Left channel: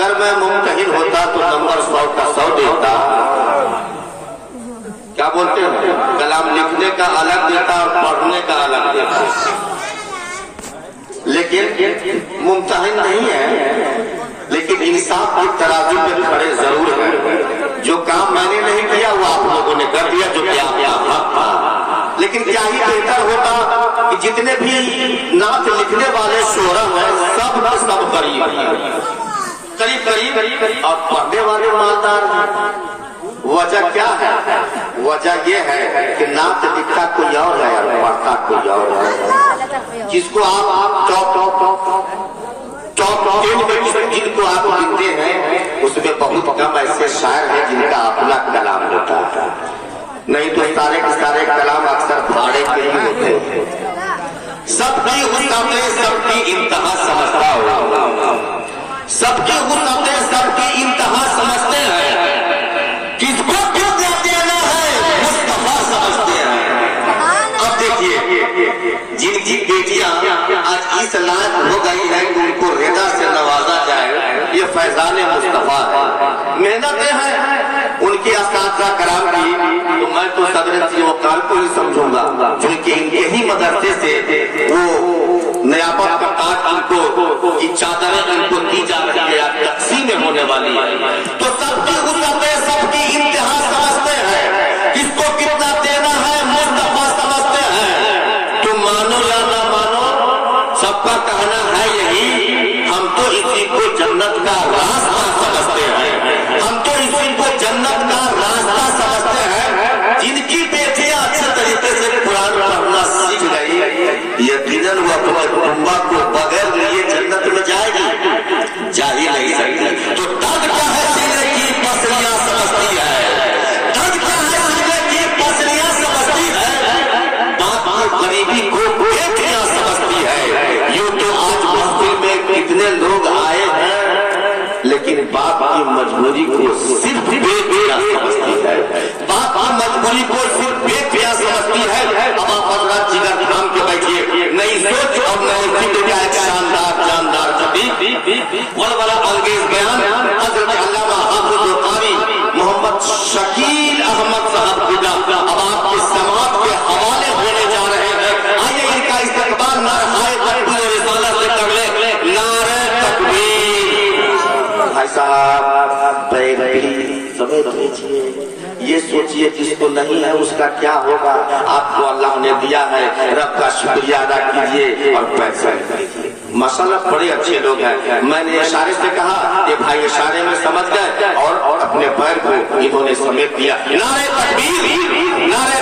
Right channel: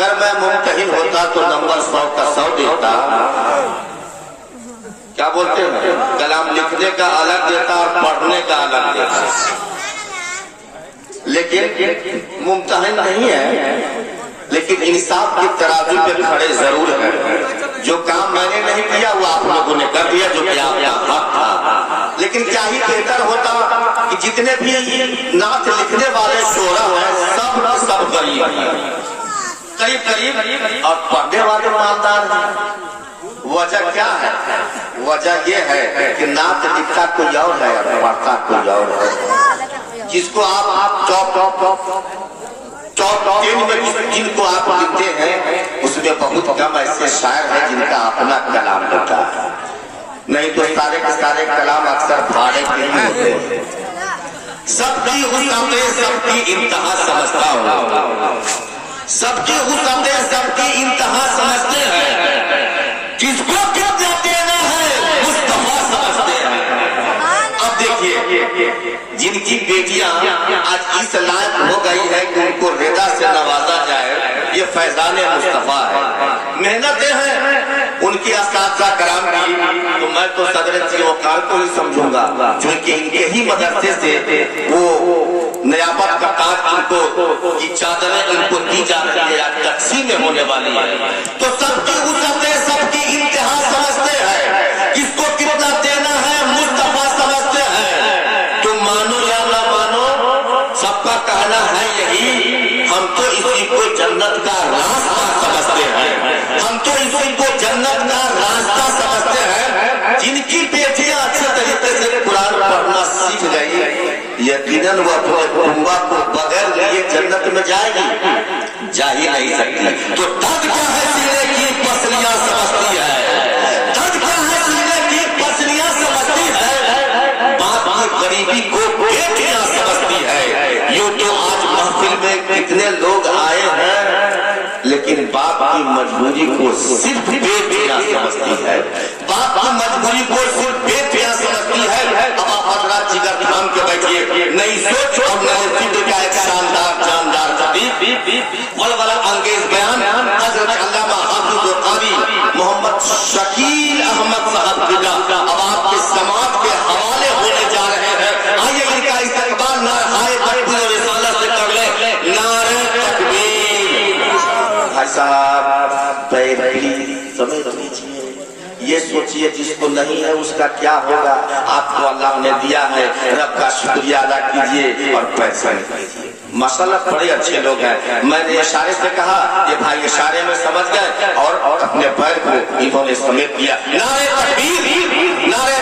अगर मैं मुमतहिन होता तो नंबर 100 का 100 देता। क्या बोलते हैं, कलाम लिखने का अलग देता और पढ़ने का अलग देता, लेकिन मुमतहिन नहीं है, लेकिन इंसाफ की तराजू पे खड़े जरूर है। जो काम मैंने नहीं किया वो आप लोगों ने कर दिया, जो क्या हक था। लेकिन क्या ही बेहतर होता कि जितने भी नात लिखने वाले शोरा हैं सब गरीब हैं, करीब, और पढ़ने वाले मालदार हैं। वजह क्या है? वजह ये है कि नात लिखा कोई और है, पढ़ता कोई और है। जिसको आप जिनको आप गिनते हैं उसमें बहुत कम ऐसे शायर हैं जिनका अपना कलाम होता है, नहीं तो सारे के सारे कलाम अक्सर भाड़े के ही होते हैं। सबकी हुकूमतें सबकी इंतहा समझता होगा, सबकी हुकूमतें सबकी इंतहा समझते हैं, किसको क्यों देना है मुस्तफा समझते हैं। अब देखिए जिनकी बेटियां आज इस लायक हो गई है कि उनको रिदा से नवाजा जाए, ये फैजान मुस्तफा है। मेहनतें हैं उनकी अस्ताज़ा कराम की, तो मैं तो सदर वकार को ही समझूंगा, क्योंकि इनके ही मदरसे से वो नयाबत का काट इनको की चादरें इनको दी जा रही है, तकसीम में होने वाली है। तो सबकी हुकूमतें सबकी इंतहा समझते हैं, किसको कितना देना है मुस्तफा समझते हैं। तुम मानो या ना मानो, सबका कहना है यही, हम तो इसी को जन्नत का रास्ता समझते हैं, हम तो इसी को जन्नत का रास्ता समझते हैं। जिनकी बेटियां अच्छे तरीके से कुरान पढ़ना सीख गई, यकीनन वो अपने उम्मा को बगैर लिए जन्नत में जाएगी, जा ही नहीं सकती। तो दर्द का है की पसलियां समझती है, दर्द का है की पसलियां समझती है, बाप की गरीबी को बेटियां समझती है। यूं तो आज महफिल में कितने लोग आए हैं, लेकिन बाप की मजबूरी को सिर्फ बेटियां समझती है, बाप की मजबूरी को सिर्फ बेटियां समझती है। अब आप हजरात जिगर थाम के बैठिए, नई सोच और नए फिक्र का एक शानदार जानदार तबीब और बड़ा अंगेज बयान हजरत अल्लामा हाफिज़ कारी मोहम्मद शकील अहमद साहब खुदा अब आपके समाज के हवाले होने जा रहे हैं। आइए इनका इस्तेमाल नारे तकबीर और रिसालत से कर ले, नारे तकबीर। भाई साहब समय दीजिए, ये सोचिए जिसको नहीं है उसका क्या होगा। आपको अल्लाह ने दिया है, रब का शुक्रिया अदा कीजिए और पैसे माशाअल्लाह बड़े अच्छे लोग हैं। मैंने इशारे से कहा कि भाई इशारे में समझ गए और अपने पैर को इन्होंने समेट दिया। नारे तकबीर, नारे